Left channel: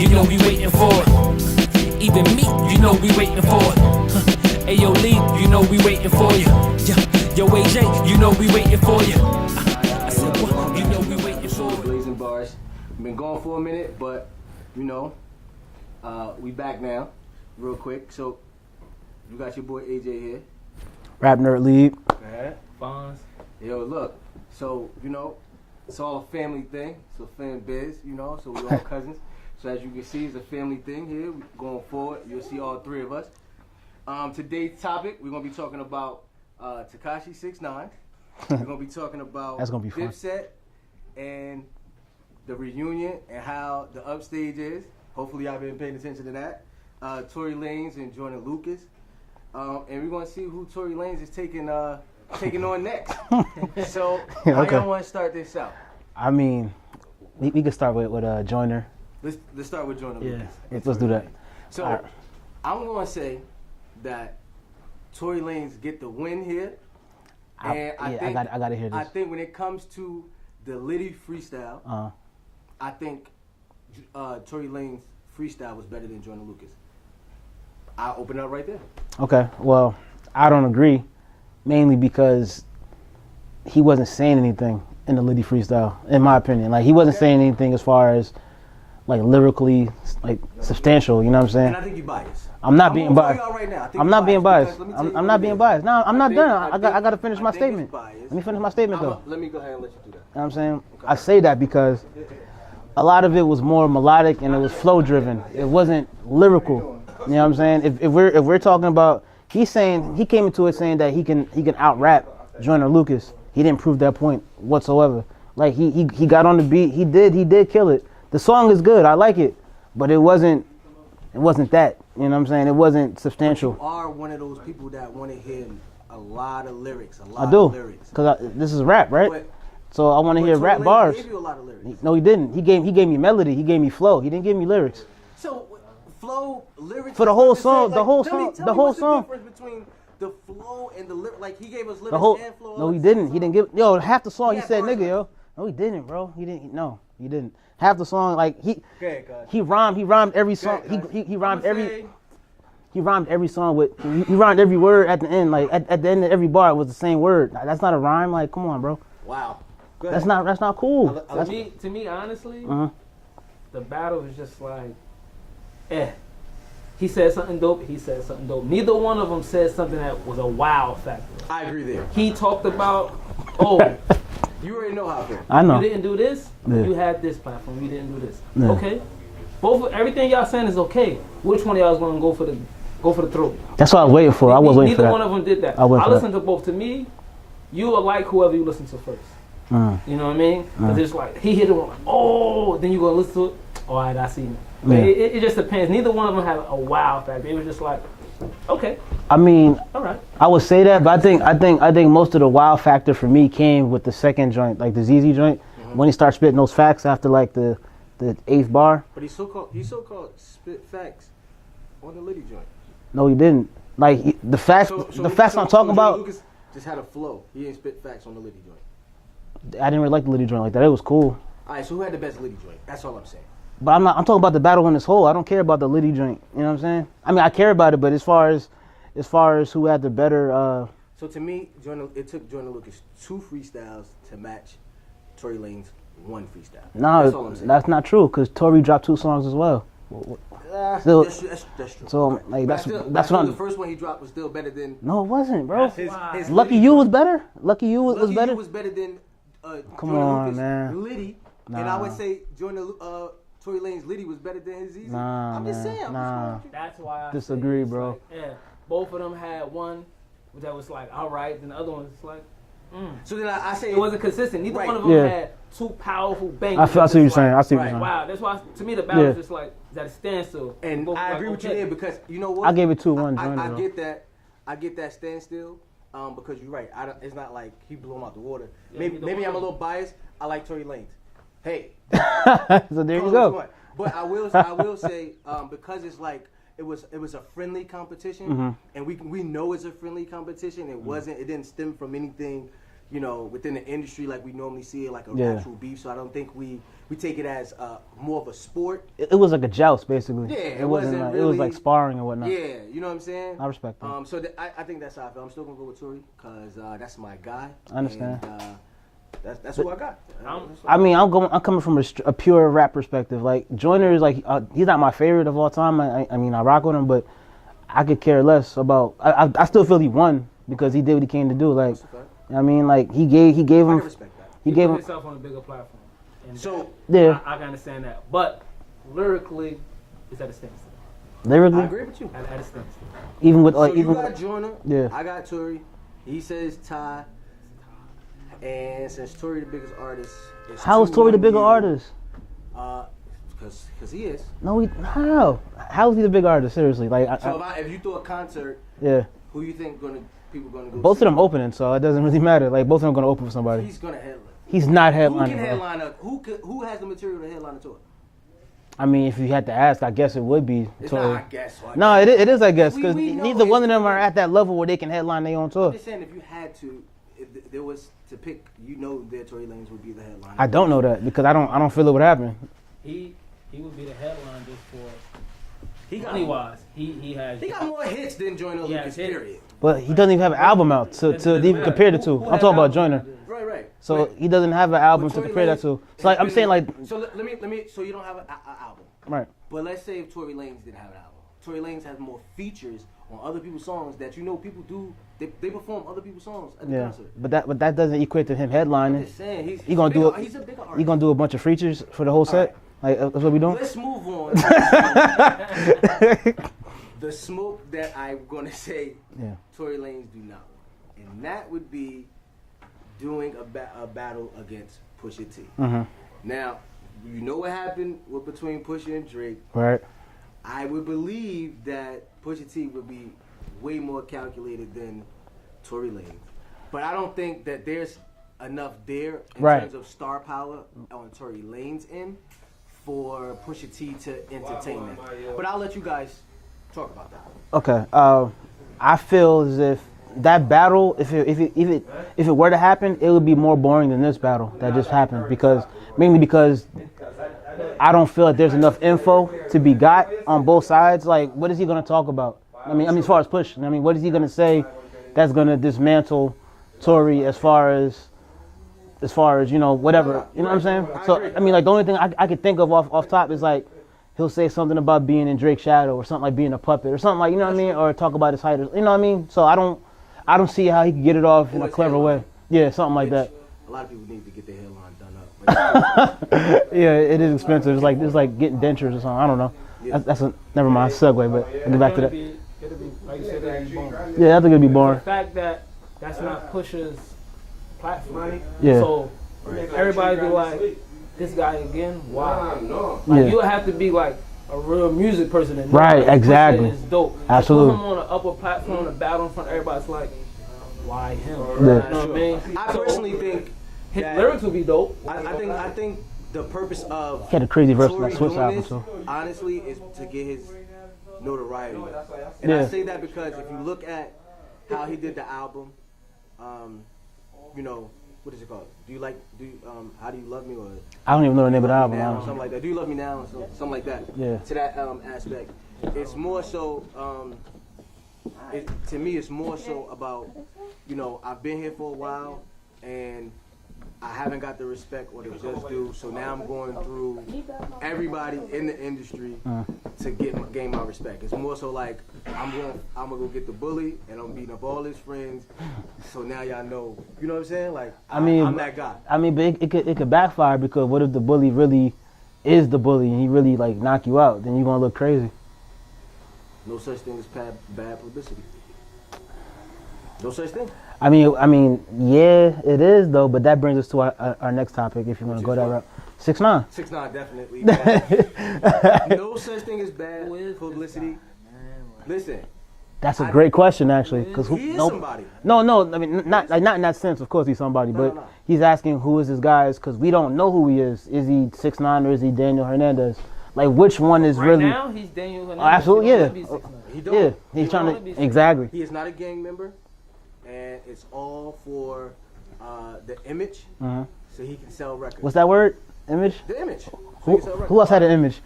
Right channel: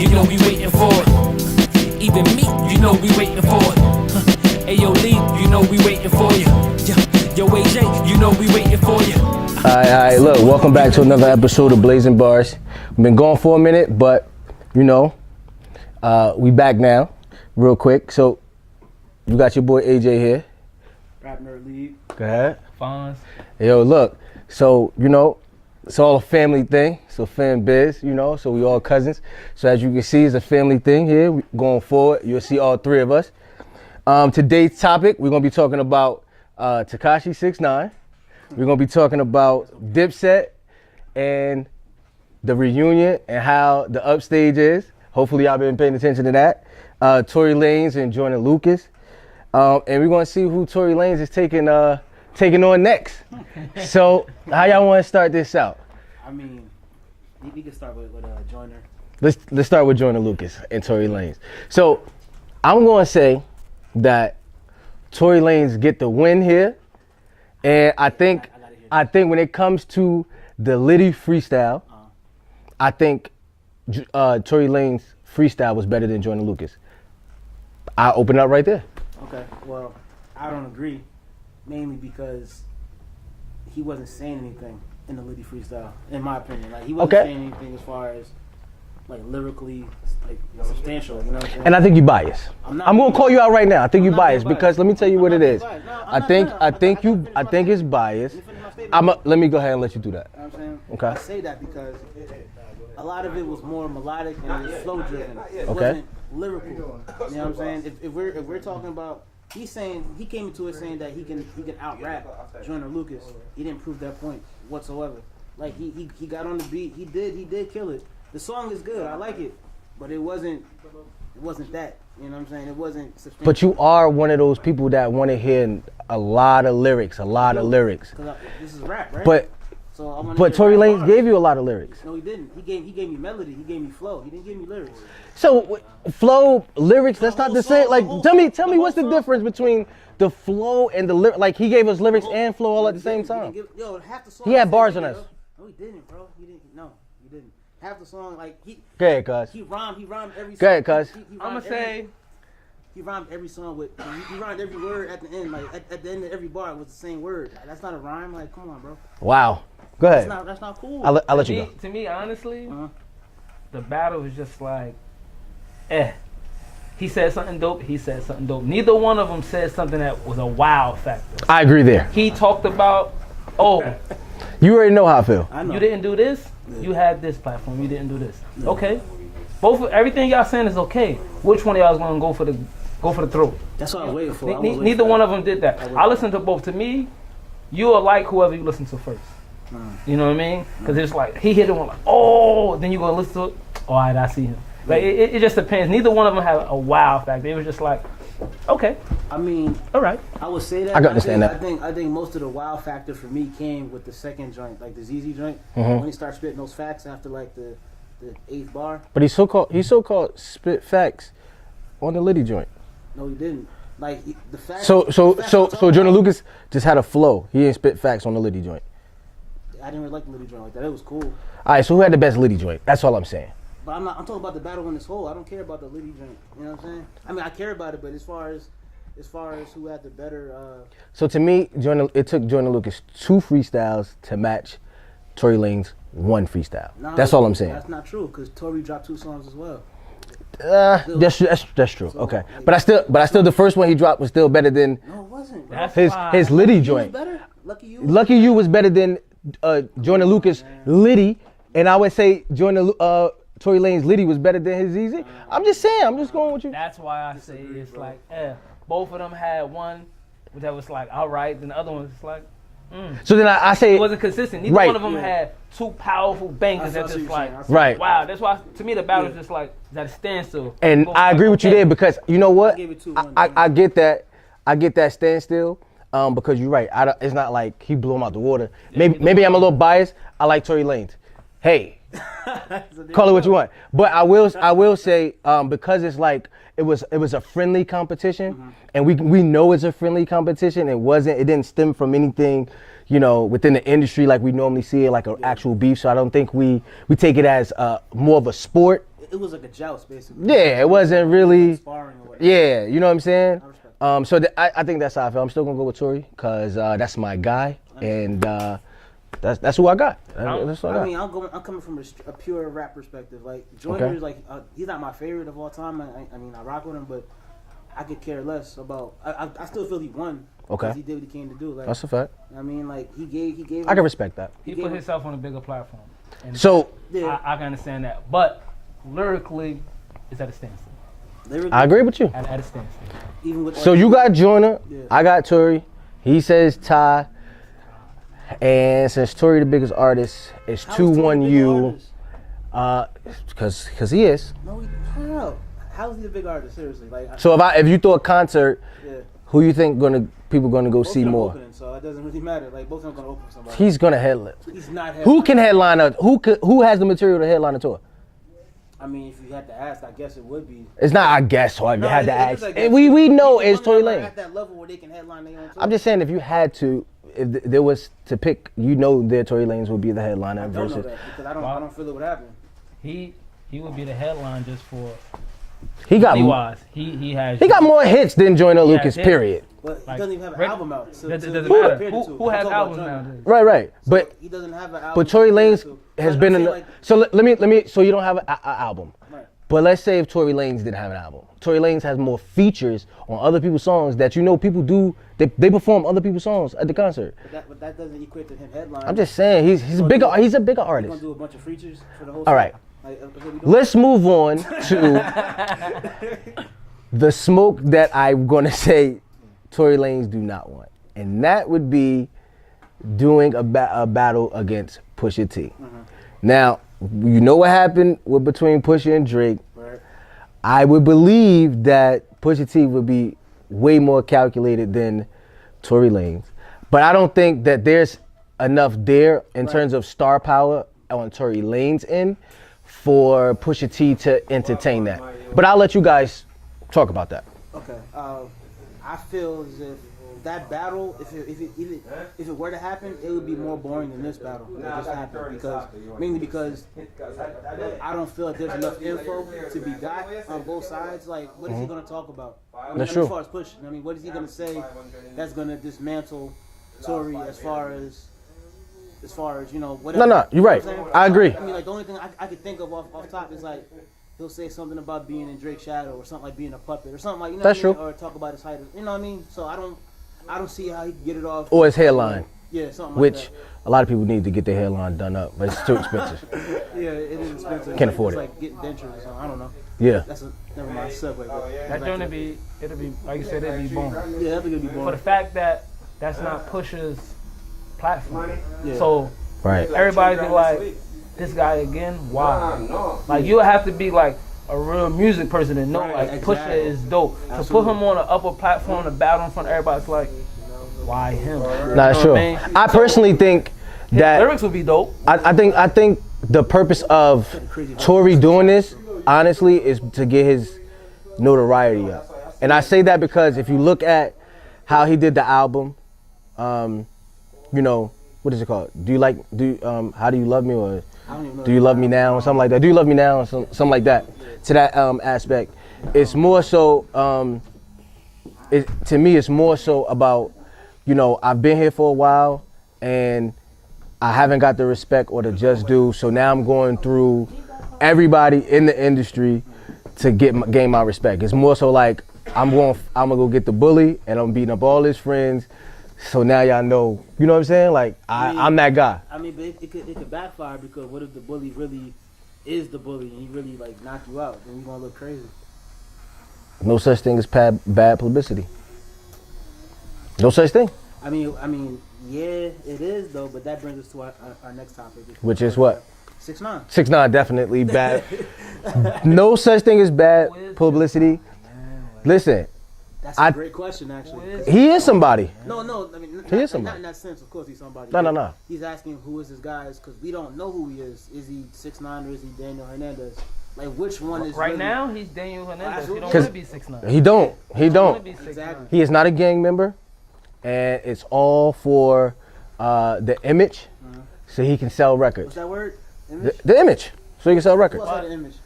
You know we waiting for it. Even me, you know we waiting for it. Ayo Lee, you know we waiting for you. Yo AJ, you know we waiting for you. Alright, look, welcome back to another episode of Blazing Bars. We've been gone for a minute, but you know, we back now, real quick. So, you got your boy AJ here. Rap Nerd League. Go ahead. Fonz. Yo, look, so, you know, it's all a family thing. So fan biz, you know, so we all cousins. So as you can see, it's a family thing here. Going forward, you'll see all three of us. Today's topic, we're gonna be talking about Tekashi 6ix9ine. We're gonna be talking about Dipset and the reunion and how the Upstaged is. Hopefully y'all been paying attention to that. Tory Lanez and Joyner Lucas. And we're gonna see who Tory Lanez is taking on next. So how y'all wanna start this out? I mean, we could start with Joyner. Let's start with Joyner Lucas and Tory Lanez. So I'm gonna say that Tory Lanez get the win here. And I think when it comes to the Liddy freestyle, I think Tory Lanez freestyle was better than Joyner Lucas. I'll open up right there. Okay, well, I don't agree, mainly because he wasn't saying anything in the Liddy freestyle, in my opinion. Like, he wasn't saying anything as far as, like, lyrically, like, substantial, you know what I'm saying? And I think you're biased. I'm gonna call you out right now. I think you're biased because let me tell you I'm what not it being is. biased. No, I'm not done. I gotta finish my statement. I think it's biased. Let me finish my statement. Let me go ahead and let you do that. You know what I'm saying? Okay. I say that because a lot of it was more melodic and it was flow driven. It wasn't lyrical. You know what I'm saying? If we're talking about, he came into it saying that he can out rap Joyner Lucas. He didn't prove that point whatsoever. Like he got on the beat. He did kill it. The song is good. I like it, but it wasn't that. You know what I'm saying? It wasn't substantial. But you are one of those people that want to hear a lot of lyrics, Because this is rap, right? But so I want to hear Tory rap Lanez bars. gave you a lot of lyrics. No, he didn't. He gave me melody. He gave me flow. He didn't give me lyrics. So flow, lyrics, For that's the whole not the song, same. the Like, whole tell me song, what's the song. difference between the flow and the lyrics? Like, he gave us lyrics and flow all at the same time. He didn't give. Yo, half the song He had said, bars nigga, in it. yo. No, he didn't, bro. He didn't. No, he didn't. Half the song, like he. Go ahead, cuz. He rhymed every song. Go ahead, cuz. He rhymed every. He rhymed every song with. He rhymed every word at the end. Like at the end of every bar, it was the same word. That's not a rhyme. Like, come on, bro. Wow. Go ahead. That's not cool. I'll let you go. To me, honestly, the battle was just like, He said something dope. He said something dope. Neither one of them said something that was a wow factor. I agree there. He talked about, You already know how I feel. I know. you didn't do this. Yeah. You had this platform. You didn't do this. Yeah. Okay. Everything y'all saying is okay. Which one of y'all is gonna go for the throat? That's what I was waiting for. I was waiting for Neither that. one of them did that. I listened to both. To me, you will like whoever you listen to first. You know what I mean? Because it's like he hit him like, then you gonna listen to it. All right, I see him. Like, it just depends. Neither one of them had a wow factor. It was just like, okay. I mean, all right. I would say that, but I think most of the wow factor for me came with the second joint, like the ZZ joint, when he started spitting those facts after like the 8th bar. But he so-called spit facts on the Liddy joint. No, he didn't. Like the facts. So Joyner Joyner Lucas just had a flow. He didn't spit facts on the Liddy joint. I didn't really like the Liddy joint like that. It was cool. All right, so who had the best Liddy joint? That's all I'm saying. But I'm talking about the battle in its whole. I don't care about the Liddy joint. You know what I'm saying? I mean, I care about it, but as far as who had the better. So to me, it took Joyner Lucas 2 freestyles to match Tory Lanez 1 freestyle. No, that's all I'm saying. That's not true, because Tory dropped 2 songs as well. That's true. So, okay, like, but I still the first one he dropped was still better than. No, it wasn't, bro. His Lucky Liddy You joint was better. Lucky You was better than Joyner on, Lucas man. Liddy, and I would say Tory Lanez Liddy was better than his ZZ. I'm just saying. I'm just going with you. That's why I disagree, say bro. Like, both of them had one that was like, all right, then the other one was like, So then I say it wasn't consistent. Neither one of them had 2 powerful bangers. I see what you're saying. I see right. Wow, that's why to me the battle is just like, is that a standstill? And I agree with you there because you know what? I gave it 2-1. I get that. I get that standstill because you're right. It's not like he blew him out the water. Maybe I'm a little biased. I like Tory Lanez. Hey, So call it what you want. But I will say because it's like it was a friendly competition, and we know it's a friendly competition. It didn't stem from anything, within the industry like we normally see it, like an actual beef. So I don't think we take it as more of a sport. It was like a joust, basically. Yeah, it wasn't really. It was like sparring and whatnot. Yeah, you know what I'm saying? I respect that. So I think that's how I feel. I'm still gonna go with Tory because that's my guy, and that's who I got. I mean, I'm coming from a pure rap perspective. Like Joyner is like he's not my favorite of all time. I mean, I rock with him, but I could care less about. I still feel he won because he did what he came to do. Like that's a fact. I mean, like he gave him. I can respect that. He put himself on a bigger platform. And So I can understand that, but lyrically, it's at a standstill. Lyrically, I agree with you. At a standstill. Even with So you got Joyner, Yeah. I got Tory. He says Ty, and since Tory the biggest artist, it's 2-1 how is Tory the bigger artist? Because he is. No, how is he the big artist? Seriously, like So if you throw a concert, yeah, who you think people gonna go both see of them more? opening, so it doesn't really matter. Like both of them gonna open for somebody. He's gonna headline. He's not headlining. Who can headline a who has the material to headline a tour? I mean, if you had to ask, I guess it would be. It's not I guess. So No, it is. I guess we know neither it's one of them Tory are Lanez. at that level where they can headline their own tour. I'm just saying, if you had to, if there was to pick, that Tory Lanez would be the headliner. I don't know that because I don't feel it would happen. He would be the headline just for He got wise. He got more hits than Joyner Lucas. hits. Period. But he doesn't even have an album out to even who- compare the two. who I'm has talking about albums Joyner. out? Right. So But he doesn't have an album. But Tory to compare Lanez to. has Like, been. I'm saying, like, so let me. So you don't have an album. right. But let's say if Tory Lanez didn't have an album. Tory Lanez has more features on other people's songs that people do. They perform other people's songs at the concert. But that doesn't equate to him headlining. I'm just saying he's a gonna bigger do he's a bigger artist. He's gonna do a bunch of features for the whole set. All right. Like that's what we doing. Let's move on to the smoke that I'm gonna say Tory Lanez do not want, and that would be doing a battle against Pusha T. Now, you know what happened between Pusha and Drake. Right. I would believe that Pusha T would be way more calculated than Tory Lanez. But I don't think that there's enough there in terms of star power on Tory Lanez end for Pusha T to entertain that. But I'll let you guys talk about that. Okay. I feel as if that battle, if it were to happen, it would be more boring than this battle that just happened mainly because I don't feel like there's enough info to be got on both sides. Like, what is he gonna talk about? I mean, as far as Push, what is he gonna say that's gonna dismantle Tory as far as whatever. No, you're right. What I'm saying? I agree. I mean, like the only thing I could think of off top is like he'll say something about being in Drake's shadow or something like being a puppet or something like That's true. or talk about his height. You know what I mean? So I don't see how he could get it off. Or his hairline. Away. Yeah, something like Which that. a lot of people need to get their hairline done up, but it's too expensive. Yeah, it is expensive. Can't It's afford like getting dentures or something. I don't know. Yeah. That's a never mind segue, but we'll get back to that. It'll be like you said, it'll be boring. Yeah, I think it'd be The boring. fact that that's not Pusha's platform. Yeah. So Right. everybody be like, this guy again? Why? Like you would have to be like a real music person and know Right, like, exactly. Pusha is dope. Absolutely. To put him on an upper platform to battle in front of everybody, it's like, why him? Not You know sure. what I mean? I personally think His that lyrics would be dope. I think the purpose of Had a crazy verse Tory on doing Suicide, this, honestly, is to get his notoriety up. And I say that because if you look at how he did the album, what is it called? How do you love me, or I don't even know. do you love me now, or something like that? Do you love me now, or something like that? Yeah. To that aspect, it's more so. To me, it's more so about, I've been here for a while, and I haven't got the respect or the just due. So now I'm going through everybody in the industry to gain my respect. It's more so like I'm gonna go get the bully, and I'm beating up all his friends. So now y'all know, you know what I'm saying? Like I'm that guy. I mean, but it could backfire because what if the bully really is the bully and he really like knock you out? Then you're gonna look crazy. No such thing as bad publicity. No such thing. I mean, yeah, it is though. But that brings us to our next topic. If you Which wanna is go what? down. 6ix9ine. 6ix9ine definitely bad. No such thing as bad publicity. Listen, That's a great question, actually. 'Cause he is somebody. No. I mean, not in that sense. Of course, he's somebody. No, but no. He's asking who is this guy because we don't know who he is. Is he 6ix9ine or is he Daniel Hernandez? Like, which one is Right really? now, he's Daniel Hernandez. Absolutely, He yeah. don't be 6ix9ine. He don't. Yeah, He don't. Exactly. He is not a gang member, and it's all for the image, so he can sell records. What's that word? Image? The image, so he can sell records. Who else had an image?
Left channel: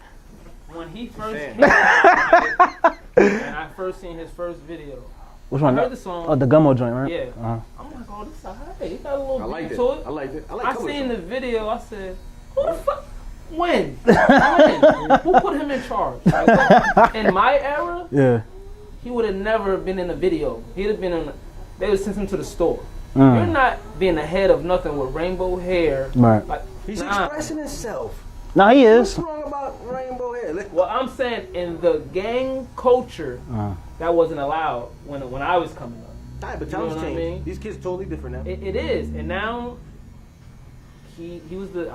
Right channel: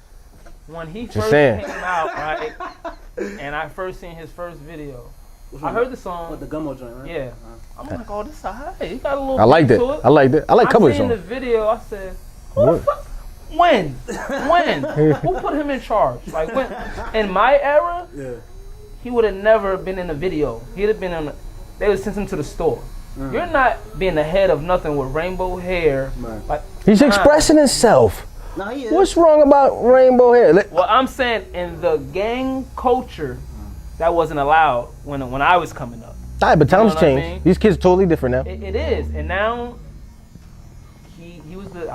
When he Just first saying. came out, right, and I first seen his first video, Which one? I heard the song. Oh, the Gummo joint, right? Yeah. I'm like, oh, this is alright. He got a little. I liked beat it. to I liked it. I like cover I seen the songs. video. I said, who the fuck? When? Who put him in charge? Like, in my era, Yeah. he would have never been in a video. He'd have been on. They would send him to the store. You're not being the head of nothing with rainbow hair. Right. Like, He's expressing himself. No, he is. What's wrong about rainbow hair? Well, I'm saying in the gang culture, that wasn't allowed when I was coming up. All right, but times know what I change. mean? These kids are totally different now. It is, and now he was the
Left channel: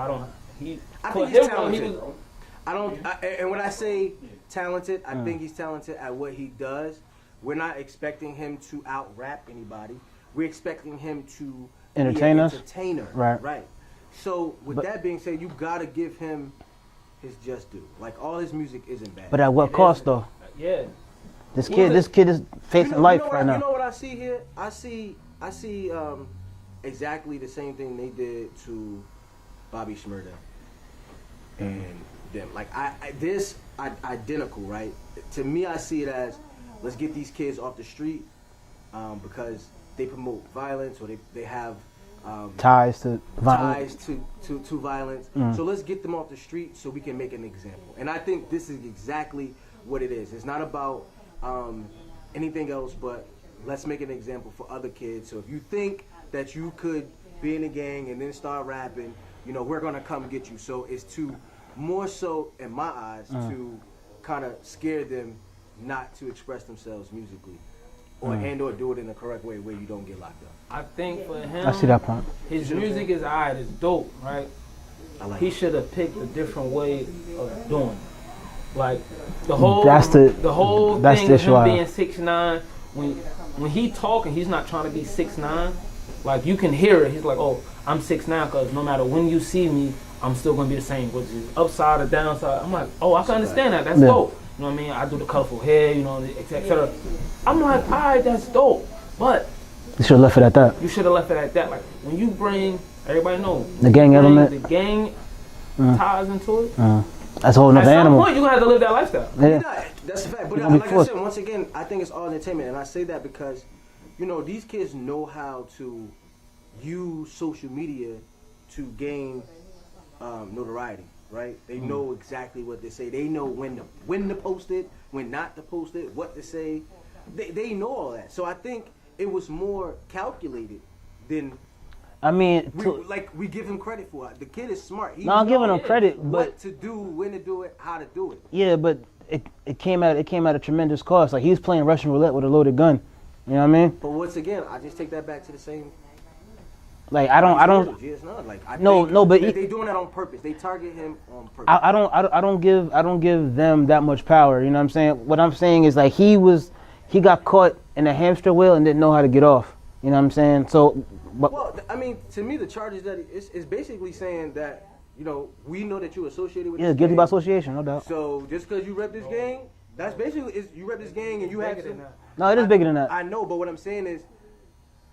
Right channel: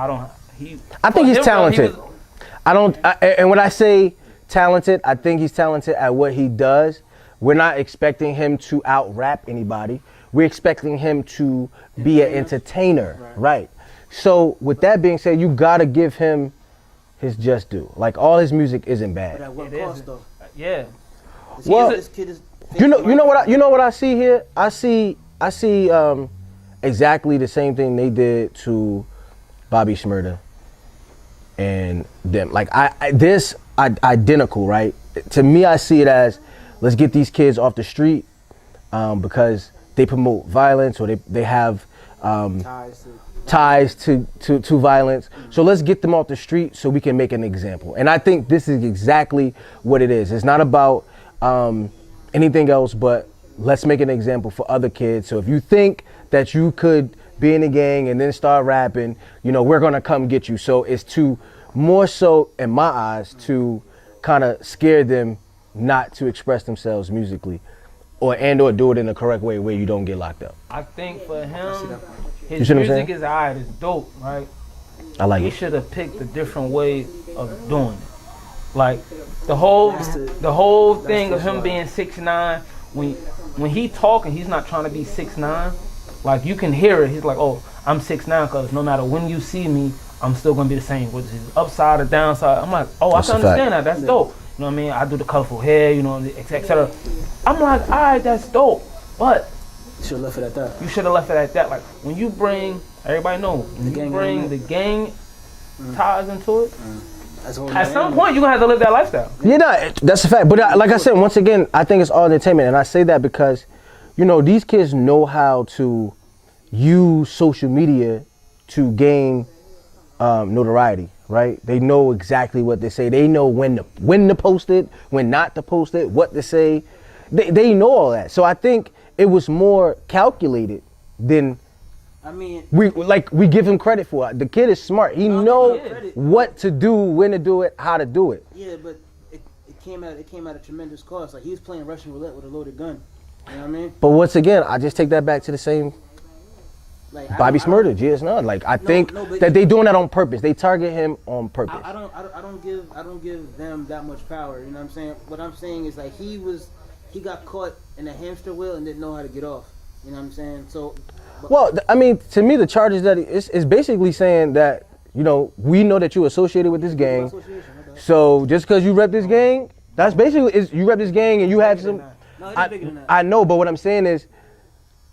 I think he's him, talented. he was- And when I say talented, I think he's talented at what he does. We're not expecting him to out rap anybody. We're expecting him to be an Entertain us? entertainer. Right. So with that being said, you gotta give him his just due. Like all his music isn't bad. But at what cost, though? Yeah. This kid is you know what right you now. know what I see here? I see exactly the same thing they did to Bobby Shmurda and them. Like this identical, right? To me, I see it as let's get these kids off the street because they promote violence or they have ties to violence. So let's get them off the street so we can make an example. And I think this is exactly what it is. It's not about anything else, but let's make an example for other kids. So if you think that you could be in a gang and then start rapping, we're gonna come get you. So it's to more so, in my eyes, to kind of scare them not to express themselves musically, or do it in the correct way where you don't get locked up. I think for him, I see that point. his see what I'm music saying? is alright, it's dope, right? I like He it. should have picked a different way of doing it. Like the whole That's the thing issue of I him have. being 6'9", when he talking, he's not trying to be 6'9". Like you can hear it. He's like, oh, I'm 6'9", because no matter when you see me, I'm still gonna be the same. Whether it's upside or downside, I'm like, oh, That's I a can understand fact. that. That's dope. You know what I mean? I do the colorful hair, etc. I'm like, all right, that's dope. But You should have left it at that. you should have left it at that. Like when you bring, everybody know The gang bring element. the gang ties into it. That's a whole At nother some animal. point, you're gonna have to live that lifestyle. That's a fact. But like I said, once again, I think it's all entertainment, and I say that because, these kids know how to use social media to gain notoriety, right? They know exactly what to say. They know when to post it, when not to post it, what to say. They know all that. So I think it was more calculated than I mean, we give him credit for it. The kid is smart. He I'm knows giving him credit, what to do, when to do it, how to do it. yeah, but it came at a tremendous cost. Like he was playing Russian roulette with a loaded gun. You know what I mean? But once again, I just take that back to the same Like Bobby I Shmurda, don't, GS9. Like I No, think no, but that they doing that on purpose. They target him on purpose. I don't give them that much power. You know what I'm saying? What I'm saying is like he got caught in a hamster wheel and didn't know how to get off. You know what I'm saying? So, Well, I mean, to me, the charges that it's basically saying that we know that you associated with yeah, this it's guilty gang. by association, no doubt. So just because you rep this gang, that's basically you rep this gang and you had some. No, it is bigger than that. I know, but what I'm saying is,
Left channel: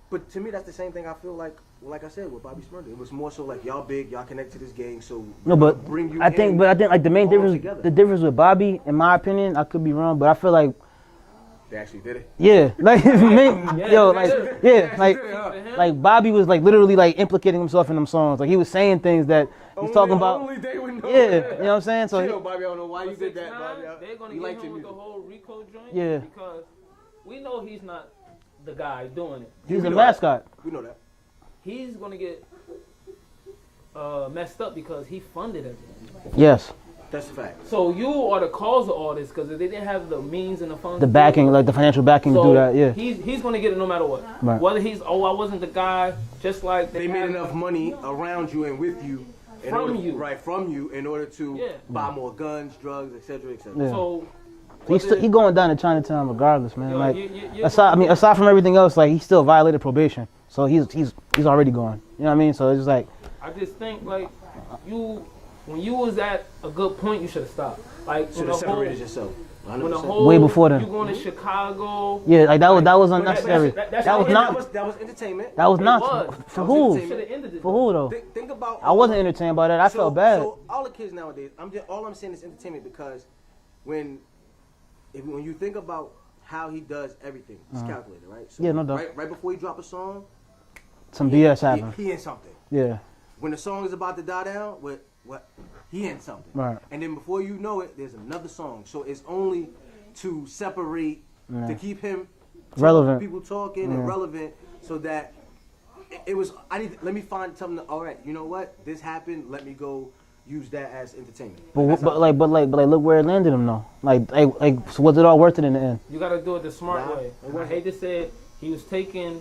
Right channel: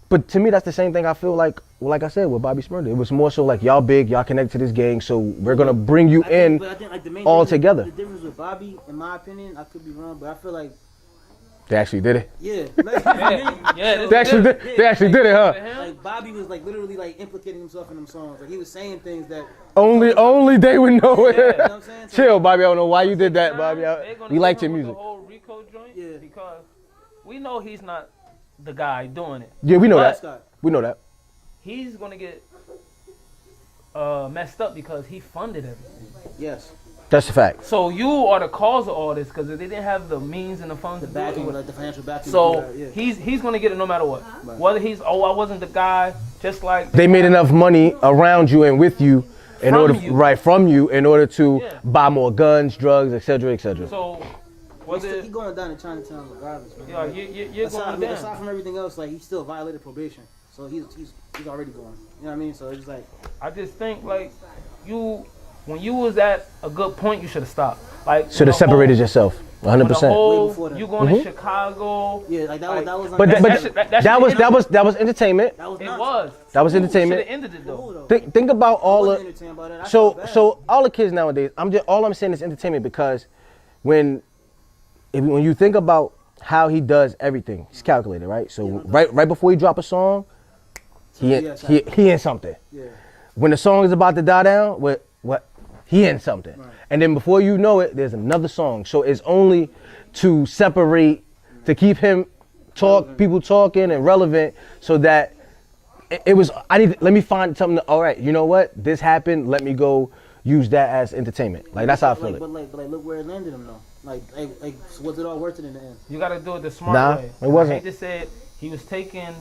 but to me, that's the same thing I feel like I said with Bobby Shmurda. It was more so like y'all big, y'all connect to this gang, so we're gonna bring you I in. think like the main all difference, together. The difference with Bobby, in my opinion, I could be wrong, but I feel like They actually did it. yeah, like Yeah, They actually did. yeah, They actually like- did it, huh? like Bobby was like literally like implicating himself in them songs. Like he was saying things that he was Only talking about- only they would know Yeah, it. you know what I'm saying? So Chill, Bobby. I don't know why you did that, Bobby. They're gonna We liked hit your him with music. The whole Rico joint, Yeah. because we know he's not the guy doing it. Yeah, we the know that. mascot. We know that. He's gonna get messed up because he funded everything. Yes, That's a fact. So you are the cause of all this, because if they didn't have the means and the funds, the to do backing, it, like the financial backing so to do that. Yeah, he's gonna get it no matter what. Right. Whether he's I wasn't the guy, just like They made enough money around you and with you in From order you. right from you in order to Yeah. buy more guns, drugs, etc., etc. So he going down to Chinatown regardless, man. you know, Like you're aside from everything else, like he still violated probation, so he's already gone. You know what I mean? So it's just like I just think like you when you was at a good point, you should have stopped. Like Should have separated yourself. 100%. Way before then. You going to Chicago? Yeah, like that was But unnecessary. that was entertainment. That was nonsense. That was For who? entertainment. Should've ended it, For though. who though? Think about I all. wasn't entertained by that. I So felt bad. so all the kids nowadays, all I'm saying is entertainment because when you think about how he does everything, he's calculated, right? So Yeah, no doubt. right before he drop a song, Some BS happened. he in something. Yeah. When the song is about to die down, what he in something. Right. And then before you know it, there's another song. So it's only to separate, to keep him Relevant. people talking and relevant, so that it was. Let me find something. All right, you know what? This happened. Let me go use that as entertainment. Like that's how I feel it. but look where it landed him though. Like so was it all worth it in the end? You got to do it the smart Nah, way. it wasn't. I hate to say it, he was taking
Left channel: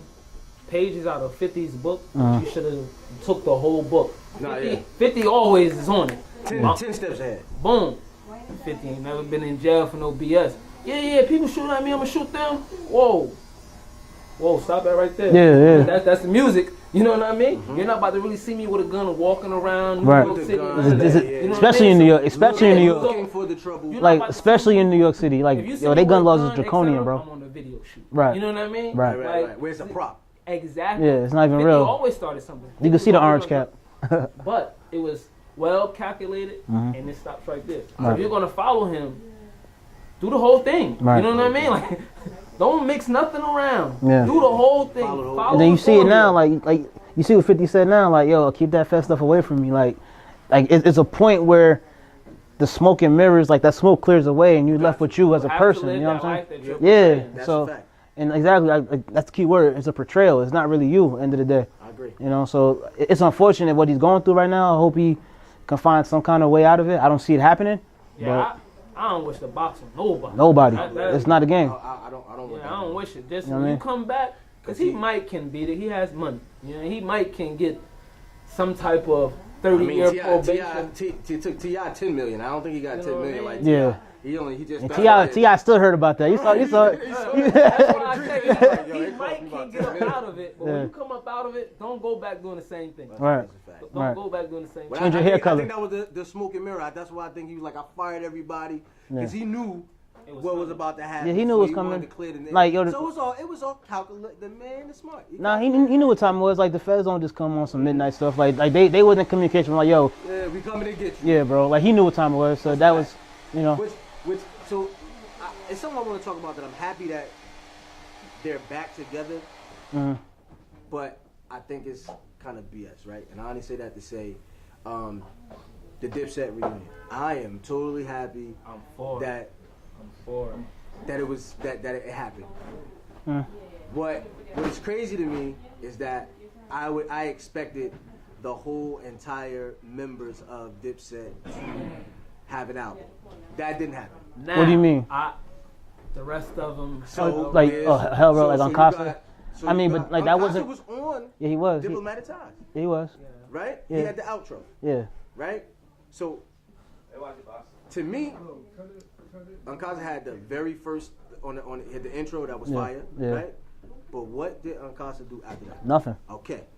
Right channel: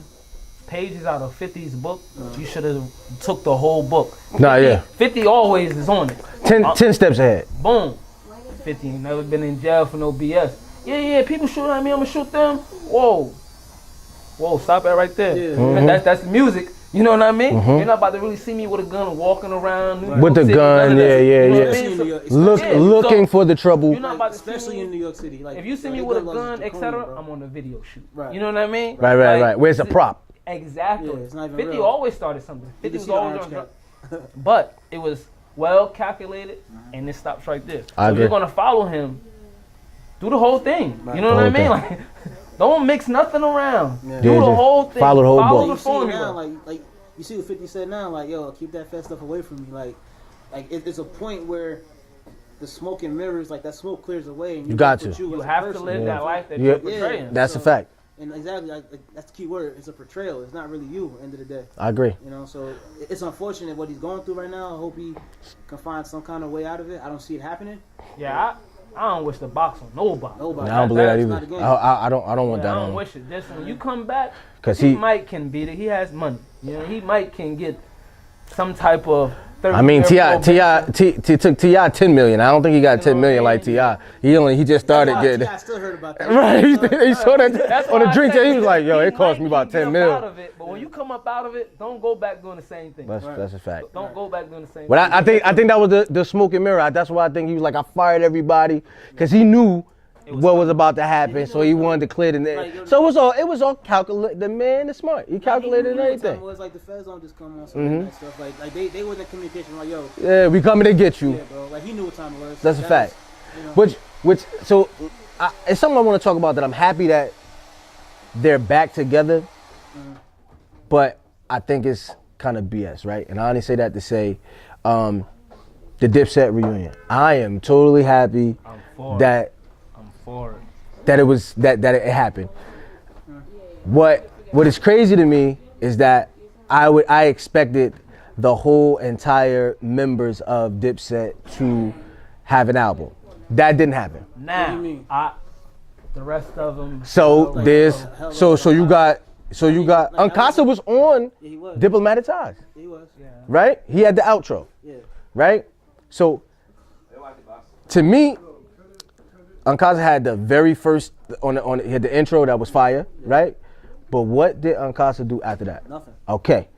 pages out of 50's book. You should have took the whole book. Nah, yeah. 50 always is on it. 10 steps ahead. Boom. 50 ain't never been in jail for no BS. Yeah, people shooting at me, I'm gonna shoot them. Whoa, stop that right there. Yeah. That's the music. You know what I mean? You're not about to really see me with a gun walking around. Right. With the gun, yeah. Especially in New York. Especially in New York. Looking for the trouble. You're not Like about to especially see in New York City. Like If you see yo, me they with gun a laws gun, is draconian, etc., bro. I'm on a video shoot. Right. You know what I mean? Right. Where's the prop? Exactly. Yeah, it's not even 50 real. always started something. You can see the orange cap. But it was well calculated, and it stops right there. I So if agree. you're gonna follow him, do the whole thing. Right, You know the what I mean? whole Like, don't mix nothing around. Yeah. Do Yeah, the just whole thing. follow the whole book. Then you the see it formula. now, like you see what 50 said now, like yo, keep that fat stuff away from me. Like it's a point where the smoke and mirrors, like that smoke clears away, and you got left with to. you as a have person. to live You know that what I'm life that Yeah. you're portraying. Yeah. That's So- a fact. And exactly, like, that's the key word. It's a portrayal. It's not really you. End of the day, I agree. you know. So it's unfortunate what he's going through right now. I hope he can find some kind of way out of it. I don't see it happening. Yeah, I don't wish the box on nobody. Nobody. I don't believe that It's either. not a game. I don't want Yeah, that I on don't him. wish it. Just You know when what I you mean? come back, 'Cause he he- might can beat it. He has money. You know, he might can get some type of. 30 I mean, year T took T.I. 10 million. I don't think he got 10 million like T.I. Yeah. He just started getting. T.I. still heard about that. Right, he saw that That's on the why I drink. said, He was like, "Yo, he it cost might me about can 10 come out mil." of it, but when you come up out of it, don't go back doing the same thing. That's a fact. Don't Right. go back doing the same But thing. I think that was the smoke and mirror. That's why I think he was like, I fired everybody because he knew what was about to happen, Yeah, he knew so it was he coming. wanted to clear the name. Like, yo, so it was all calculated. The man is smart. He Nah, he calculated knew what time it everything. was. Like the feds don't just come on some midnight stuff. Like they wasn't in communication. Like yo, Yeah, we coming to get you. yeah, bro. Like he knew what time it was. So That's a that fact. was, you know. It's something I want to talk about that I'm happy that they're back together, but I think it's kind of BS, right? And I only say that to say the Dipset reunion. I am totally happy I'm for that it. I'm for it. that it was that it happened. What is crazy to me is that I expected the whole entire members of Dipset to have an album. That didn't happen. Now, What do you mean? The rest of them. So Like, there's hell, so like you Uncasa. got I mean, like, that Uncasa wasn't- was on Yeah, he was. Diplomatic Ties, He was. right? He had the outro, Yeah. right? So to me, Uncasa had the very first he had the intro that was fire, yeah. right? But what did Uncasa do after that? Nothing. Okay.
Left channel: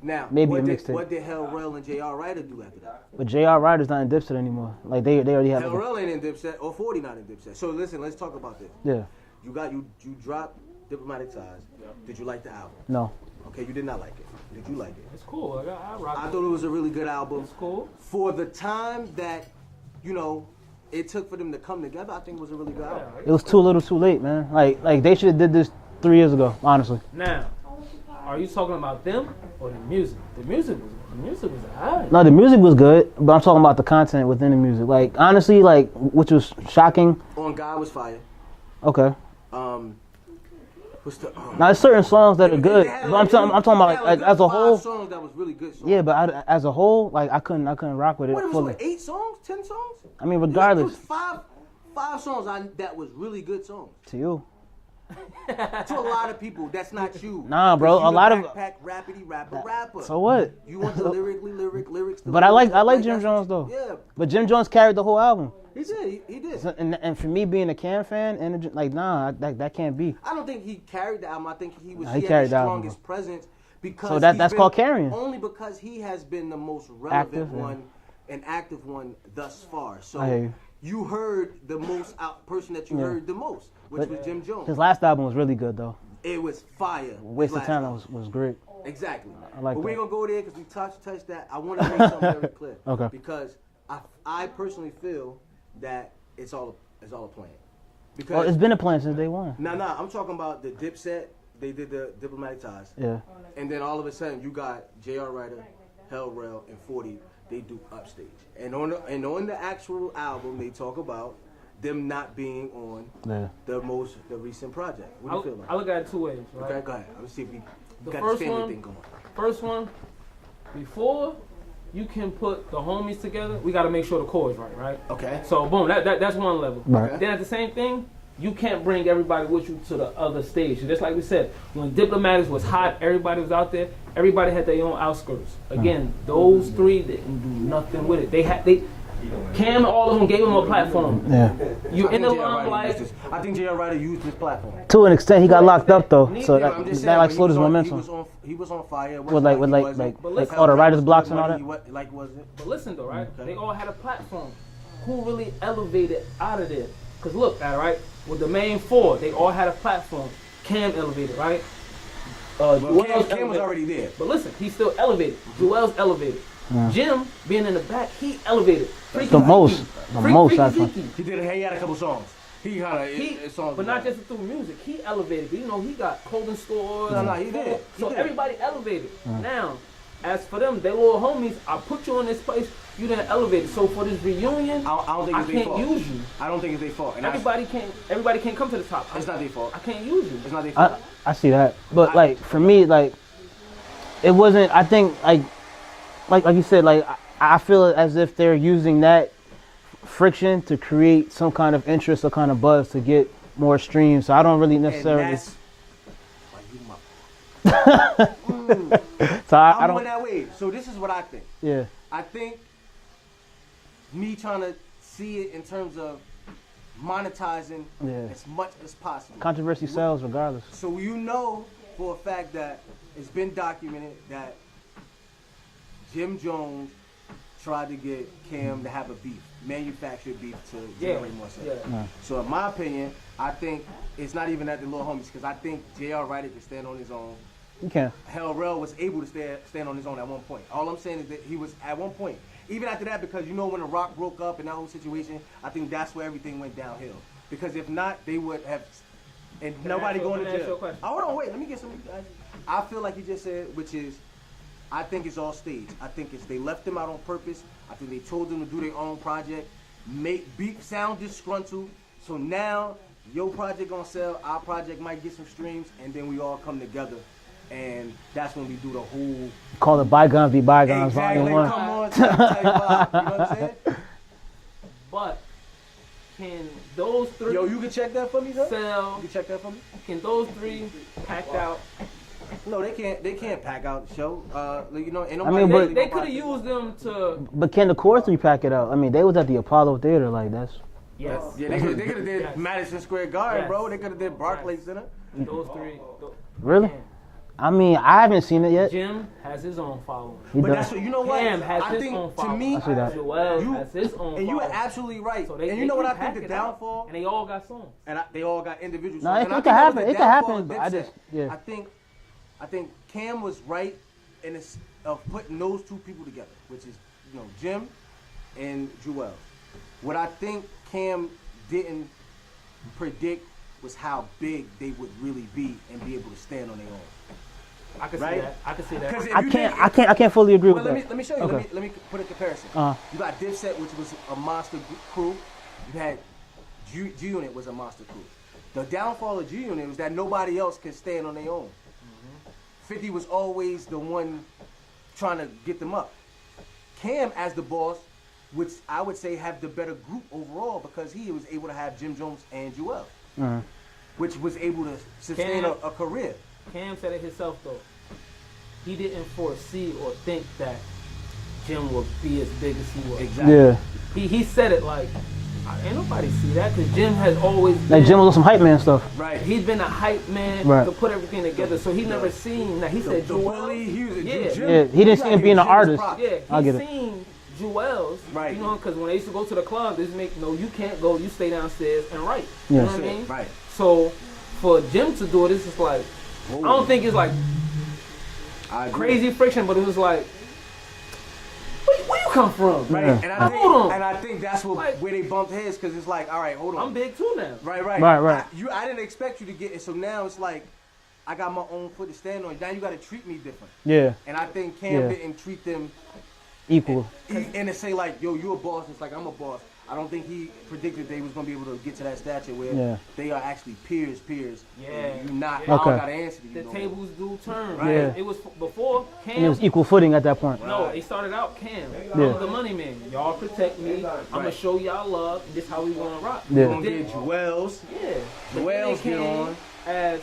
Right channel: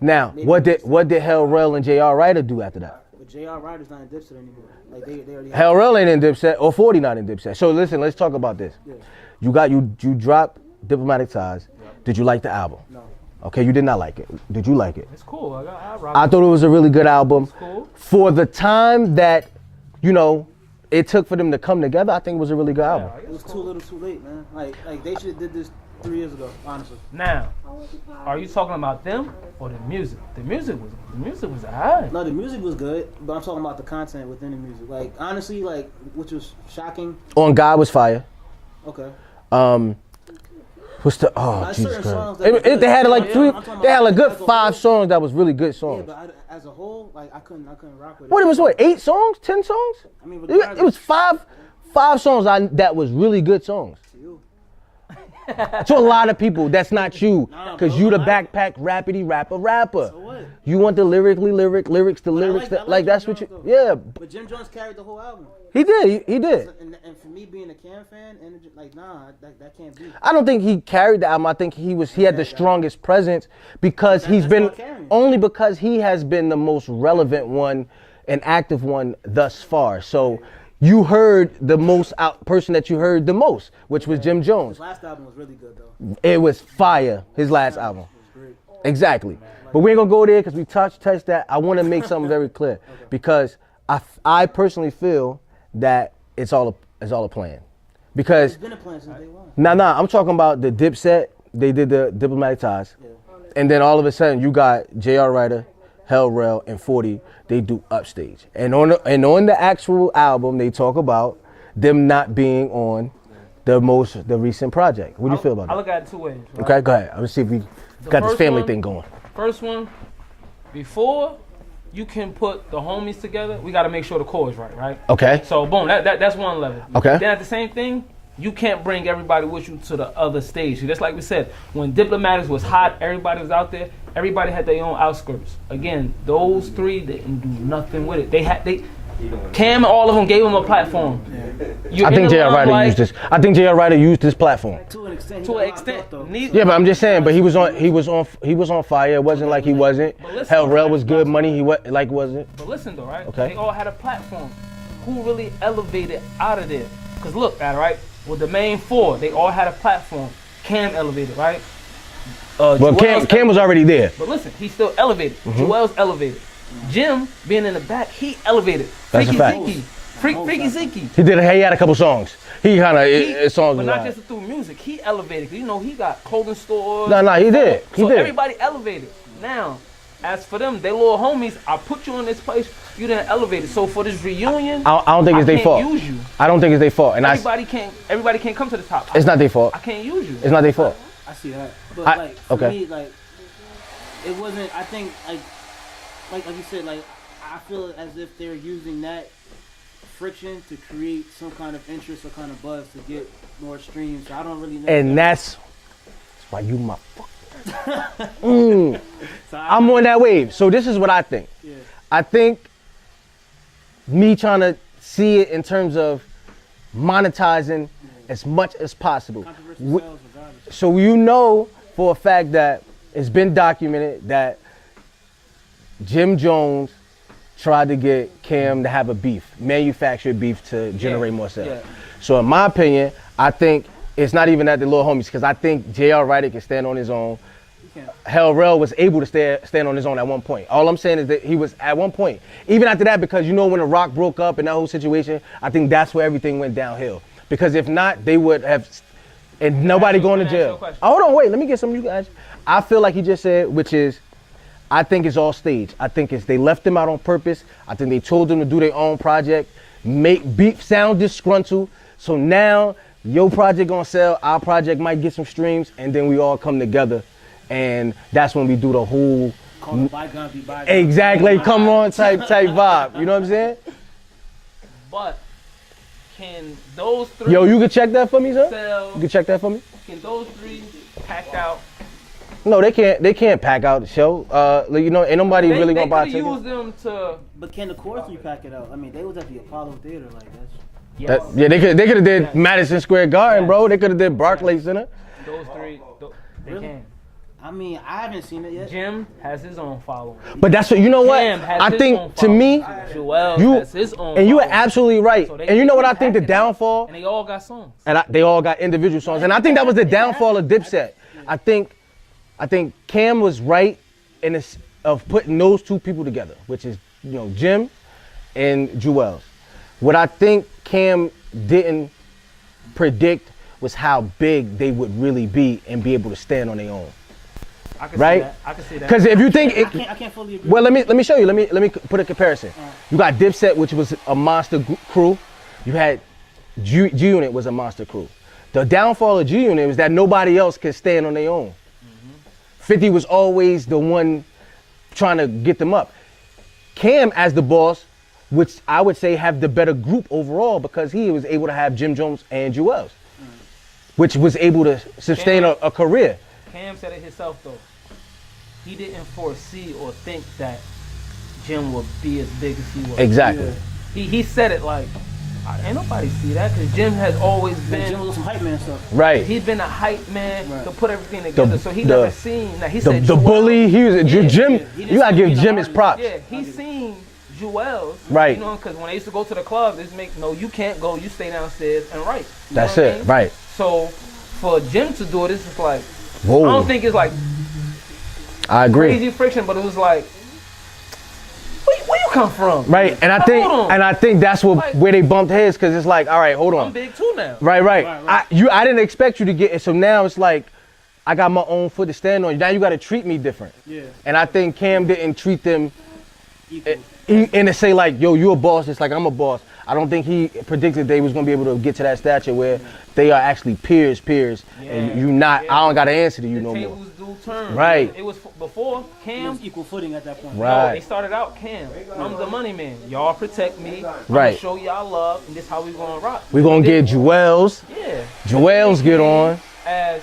Now, Maybe what the did mixtape. Hell Rel and J.R. Ryder do after that? But J.R. Ryder's not in Dipset anymore. Like they already have. Hell Rel ain't in Dipset or 40 not in Dipset. So listen, let's talk about this. Yeah. You dropped Diplomatic Ties. Did you like the album? No. Okay, you did not like it. Did you like it? It's cool. I rock I it. thought it was a really good album. cool. For the time that, it took for them to come together, I think it was a really good album. It was too little, too late, man. Like they should have did this 3 years ago. Honestly. Now, are you talking about them or the music? The music was alright. No, the music was good, but I'm talking about the content within the music. Like honestly, like which was shocking. On God was fire. Okay. What's the Now, there's certain songs that They were good. had like I'm talking they had about like good as a 5 whole. songs that was really good songs. Yeah, but as a whole, like I couldn't rock with it. what it was fully. what 8 songs, 10 songs? I mean, It regardless. was five songs that was really good songs. To you. To a lot of people, that's not you. Nah, bro, Because you a the lot of- backpack rappity rapper. So what? You want the lyrics to But I like Jim that's Jones what though. Yeah, But Jim Jones carried the whole album. he did. He did. And for me being a Cam fan, and like nah, that can't be. I don't think he carried the album. I think he had carried the the album. strongest presence because So he's that's been called carrying. only because he has been the most relevant one an active one thus far. So Right. you heard the most person that you heard the most, which was Jim His Jones. last album was really good though. It was fire. His last Time album. was great. Exactly. like But we ain't gonna go there because we touched that. I want to make something very clear. Okay. Because I personally feel that it's all a plan. But Because it's been a plan since day one. nah, I'm talking about the Dipset. They did the Diplomatic Ties. Yeah. And then all of a sudden you got J.R. Ryder, Hell Rell, and 40. They do Upstage. And on the actual album, they talk about them not being on the recent project. What do you feel about I that? look at it two ways. Right? Okay, go ahead. Let's see if we got this first family one- thing going. First one, before you can put the homies together, we got to make sure the core is right? Okay. So boom, that's one level. Okay. Then at the same thing, you can't bring everybody with you to the other stage. Just like we said, when Diplomatics was hot, everybody was out there. Everybody had their own outskirts. Again, those three didn't do nothing with it. Cam, all of them gave him a platform. Yeah. You're I think in the J.R. Ryder limelight. used this. I think J.R. Ryder used this platform. To an extent, he got an locked extent. up though. Neither- So Yeah, but I'm just saying. God But he was slowed on. his He momentum. was on fire. It wasn't like- like he like- wasn't. But listen, Hell all the Rell writers' was blocks good. and Money all he wasn't. But listen though, right? Okay. They all had a platform. Who really elevated out of there? Because look at it, right? With the main four, they all had a platform. Cam elevated, right? Well, Joel's Cam was elevated. already there. But listen, he still elevated. Joel's elevated. Jim, being in the back, he elevated. That's a Freaky fact. Zeke. The most, Freaky I Zeke. He had a couple songs. He kind of songs. But was not like- just through music. He elevated. You know, he got clothing stores. No, he did. He So did. everybody elevated. Now, as for them, they little homies, I put you in this place, you didn't elevate it. So for this reunion, I don't think it's their can't fault. use you. I don't think it's their fault. And Everybody can't come to the top. it's not their fault. I can't use you. It's not their fault. I see that, but I- like for okay. me, like it wasn't. I think like you said, like I feel as if they're using that friction to create some kind of interest or kind of buzz to get more streams. So I don't really necessarily. And that's why you my. So I'm don't- on that wave. So this is what I think. Yeah. I think me trying to see it in terms of monetizing Yeah. as much as possible. Controversy sells regardless. So you know for a fact that it's been documented that Jim Jones tried to get Cam to have a beef, manufactured beef to generate more sales. Yeah. So in my opinion, I think it's not even at the little homies because I think J.R. Ryder can stand on his own. You can't. Hell Rell was able to stand on his own at one point. All I'm saying is that he was at one point. Even after that, because you know when The Rock broke up and that whole situation, I think that's where everything went downhill. Because if not, they would have, and nobody going to let me ask you a jail. question. Hold on, wait, let me get some of you guys. I feel like he just said, which is, I think it's all staged. I think it's they left them out on purpose. I think they told them to do their own project, make beef sound disgruntled. So now your project gonna sell, our project might get some streams, and then we all come together. And that's when we do the whole Call it bygones be bygones. exactly come on type vibe. You know what I'm saying? But can those three Yo, you can check that for me, sir? You sell? can check that for me? Can those three pack out? No, they can't pack out the show. You know, ain't nobody They, really they gonna buy could use tickets. them to. But can the chorus three pack it out? I mean, they was at the Apollo Theater, like that's. Yes. Yeah, they could have did Yes. Madison Square Garden, Yes. bro. They could have did Barclays Center. Those three. Really? Can. I mean, I haven't seen it yet. Jim has his own following. But that's what you know what Cam has I his think own to me, following. Joel you has his own and you are following. absolutely right. So they- And you know they what I can think the pack it out. downfall, And they all got songs. and they all got individual songs, it and I can think that was the happen. It can downfall of happen. I Dipset. just- yeah. I think Cam was right in this, of putting those two people together, which is Jim and Joel. What I think Cam didn't predict was how big they would really be and be able to stand on their own. I can Right? see that. I can see that. Because if you think I can't fully agree. well, with let me show you. Okay. Let me put a comparison. Uh-huh. You got Dipset, which was a monster crew. You had G Unit was a monster crew. The downfall of G Unit was that nobody else could stand on their own. 50 was always the one trying to get them up. Cam as the boss, which I would say have the better group overall because he was able to have Jim Jones and Joel's, which was able to sustain Cam- a career. Cam said it himself though. He didn't foresee or think that Jim would be as big as he was. Exactly. Yeah. He said it like, ain't nobody see that because Jim has always been. Like Jim was on some hype man stuff. Right. He's been a hype man Right. to put everything together. So he the- never seen. Now he The said the Joel- bully, he was Yeah. Jim. Yeah, he didn't You gotta see him give being an Jim his artist. props. Yeah, I'll he get it. seen Jewels, Right. You know, because when they used to go to the club, they used to make no, you can't go, you stay downstairs and write. You That's know what it, I mean? right. So for Jim to do it, it's just like, Whoa. I don't think it's like I agree. crazy friction, but it was like, where you come from? Right, and Hold on. I think that's what Like- where they bumped heads, because it's like, all right, hold on. I'm big too now. Right. Right. I didn't expect you to get it, so now it's like, I got my own foot to stand on. Now you got to treat me different. Yeah. And I think Cam Yeah. didn't treat them Equal. and to say like, yo, you a boss, it's like I'm a boss. I don't think he predicted they was gonna be able to get to that stature where they are actually peers, and you not. I don't got to answer to you The no more. tables do turn. Right. It was before Cam. It was equal footing at that point. Right. No, they started out Cam. I'm the money man. Y'all protect me. I'm Right. gonna show y'all love, and this how we gonna rock. We gonna get Jewels. Yeah. Jewels get on. As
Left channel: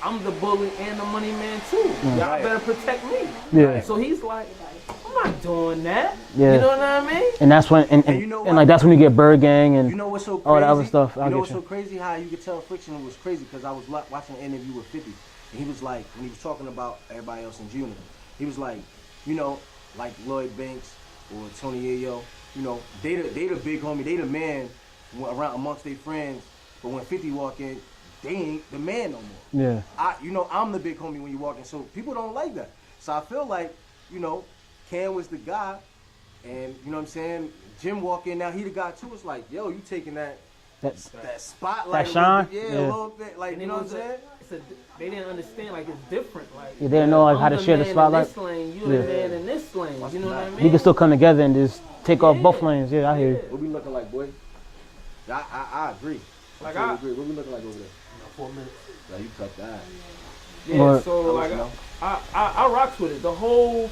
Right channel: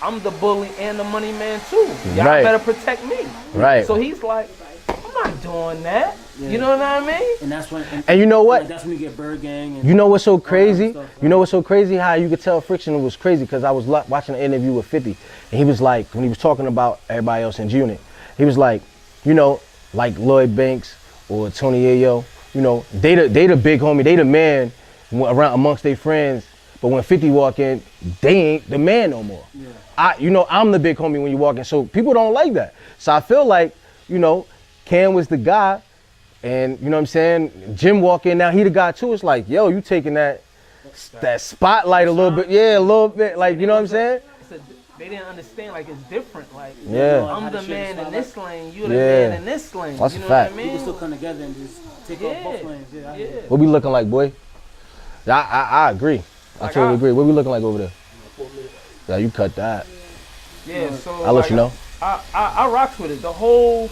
I'm the bully and the money man too. Y'all Right. better protect me. Right. So he's like, I'm not doing that. Yeah. You know what I mean? And that's when, and you know what? like that's when you get Bird Gang and You know what's so all that other crazy? stuff. You know what's so crazy? How you could tell Friction was crazy, because I was watching an interview with 50, and he was like, when he was talking about everybody else in his unit, he was like, you know, like Lloyd Banks or Tony Ayo, you know, they the big homie, they the man around amongst their friends. But when 50 walk in, they ain't the man no more. Yeah. I'm the big homie when you walk in, so people don't like that. So I feel like, you know, Cam was the guy, and you know what I'm saying? Jim walk in now, he the guy too. It's like, yo, you taking that spotlight That a little shine? bit, yeah, Yeah. a little bit, like, you know what I'm saying? They didn't understand, like, it's different. Like, They didn't know like, I'm how to the share the man spotlight. in this lane, you the Yeah. man in this lane. That's you a know fact. what I mean? We can still come together and just take off both Yeah. lanes. Yeah, I hear you. What we looking like, boy? I agree. I Like, totally I- agree. What we looking like over there? Yeah, you cut that. Yeah, Well, so I'll let you know. I rocks with it. The whole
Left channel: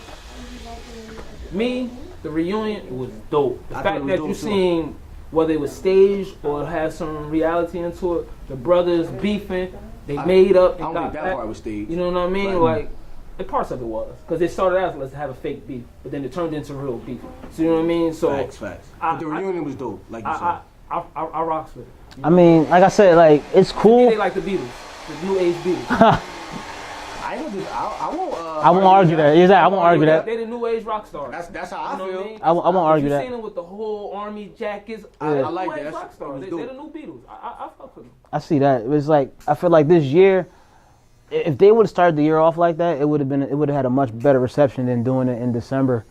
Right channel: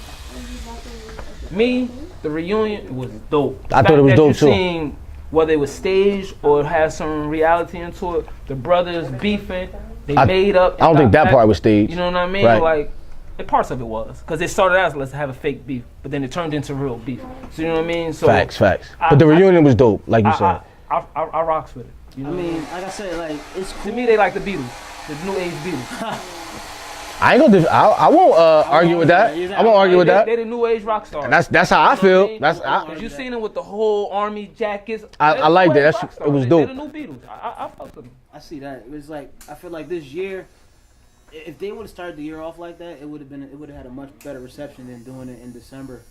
the reunion, it was dope. The I thought fact it was that dope, you too. Seen whether it was staged or had some reality into it, the brothers beefing, they made up. I don't think got that back. part was staged. You know what I mean? Right. Like, and parts of it was, because it started out as let's have a fake beef, but then it turned into real beef. So you know what I mean? So Facts. But the reunion was dope, like you said. I rocks with it. You I know? mean, like I said, like it's To me, cool. they like the Beatles, the new age Beatles. I ain't gonna. I won't argue with that. Exactly. I won't argue with that. They the new age rock stars. That's how I You know feel. what I mean? That's I won't argue You that. seen them with the whole army jackets. I They're like new that. age That's- rock stars. it was They're dope. the new Beatles. I fuck with them. I see that. It was like I feel like this year, if they would have started the year off like that, it would have had a much better reception than doing it in December.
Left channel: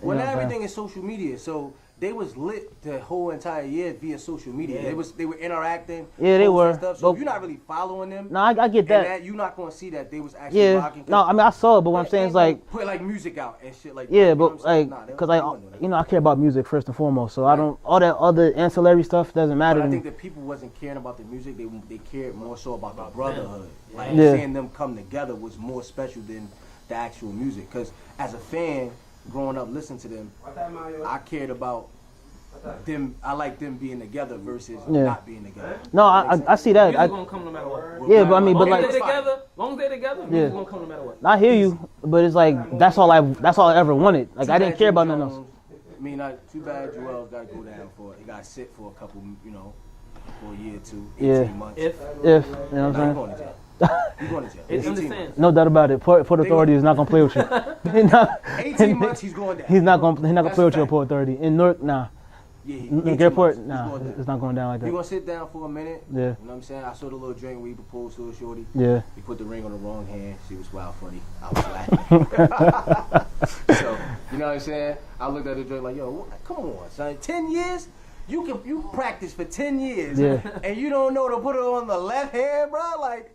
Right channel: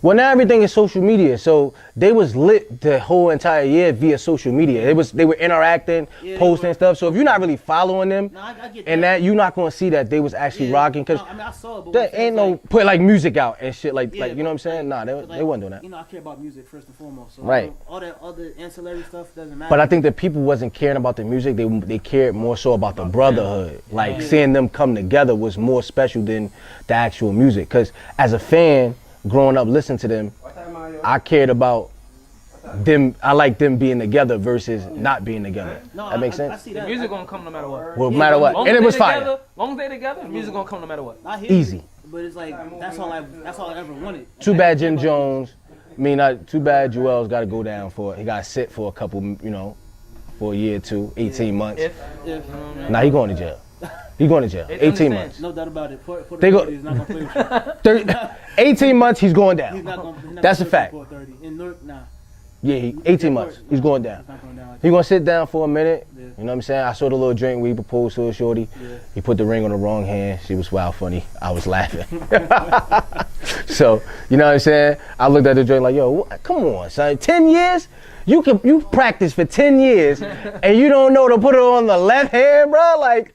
Well, now everything is social media, so they was lit the whole entire year via social media. They were interacting, Yeah, they posting were. stuff. So if you're not really following them, No, I get that. and that you're not gonna see that they was actually rocking. No, I mean I saw it, but what I'm they saying ain't is like, put like music out and shit like, yeah, like you but know what I'm saying? like, Nah, they 'cause, wasn't doing that. You know, I care about music first and foremost, so Right. I don't, all that other ancillary stuff doesn't matter. But I to think me. that people wasn't caring about the music. They cared more so about the brotherhood. Like Yeah. seeing them come together was more special than the actual music. Cause as a fan, growing up listening to them, I cared about them. I like them being together versus not being together. No, That makes sense? I see that. Music I, gonna come no matter what. Well, Yeah, matter but I what. mean, Long And as it was they fire. together, long as they together, music gonna come no matter what. I hear Easy. you, but it's like that's all I ever wanted. Like, Too I bad didn't care Jim about nothing else. Jones. Too bad Joel's got to go down for. He got to sit for a couple. For a year or two, 18 months. If If you know, Nah, he going to jail. He going to jail. It's 18 understand. months. no doubt about it. Port They go- Authority is not gonna play with you. 18 months. He's going down. He's not gonna That's a play with you at fact. Port Authority. In Newark, nah. Yeah, In 18 Port- months. He's nah, going down. It's not going down like He that. gonna sit down for a minute. Yeah. You know what I'm saying? I saw the little drink where he proposed to a shorty. Yeah. He put the ring on the wrong hand. She was wild funny. I was laughing. So, you know what I'm saying? I looked at the drink like, yo, come on, son. 10 years? You practice for 10 years and you don't know to put it on the left hand, bro? Like,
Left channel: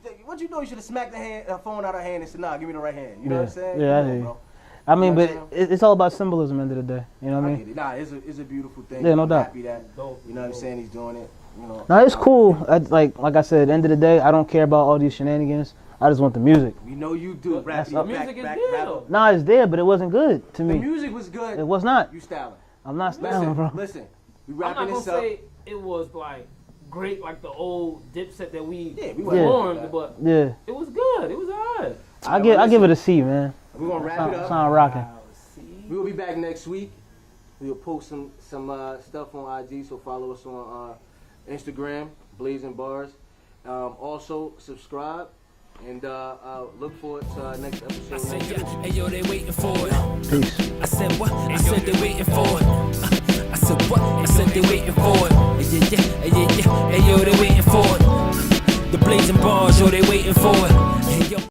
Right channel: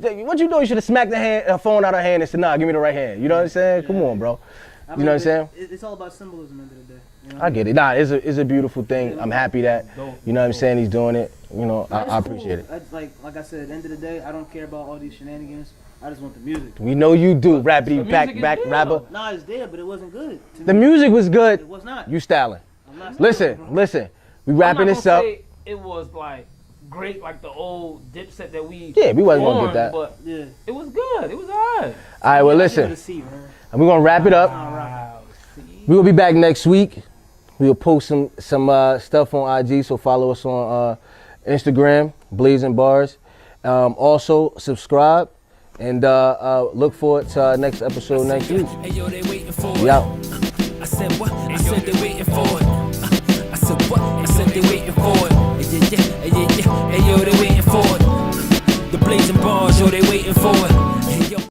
what you do? You should have smacked the phone out of her hand and said, nah, give me the right hand. You know what I'm saying? Yeah, Come yeah. on, bro. I mean, know what I'm but it's all about symbolism at the end of the day. You know what I mean? get it. Nah, it's a beautiful thing. Yeah, no I'm doubt. happy that, you know what I'm saying, he's doing it. You know, No, it's I cool. appreciate it. Like I said, at the end of the day, I don't care about all these shenanigans. I just want the music. We know you do, rapidy music back is back good, rapper. though. Nah, it's there, but it wasn't good to The me. music was good. It was not. You styling. I'm not. styling, bro. Listen. We I'm wrapping not this gonna up. say it was like great like the old Dipset that we Yeah, we wasn't gonna formed, get that. but Yeah. it was good. It was alright. All right, well, I give listen. it a C, man. And we're gonna wrap it up. Sound rocking. We will be back next week. We'll post some stuff on IG, so follow us on Instagram, Blazing Bars. Also, subscribe And look forward to our next episode next week. Hey yo, they waiting for it. Yeah, peace. I said what? I said they waiting for it. I said what? I said they waiting for it. Yeah. Hey yo, they waiting for it. The blazing bars, yo, they waiting for it. Hey yo.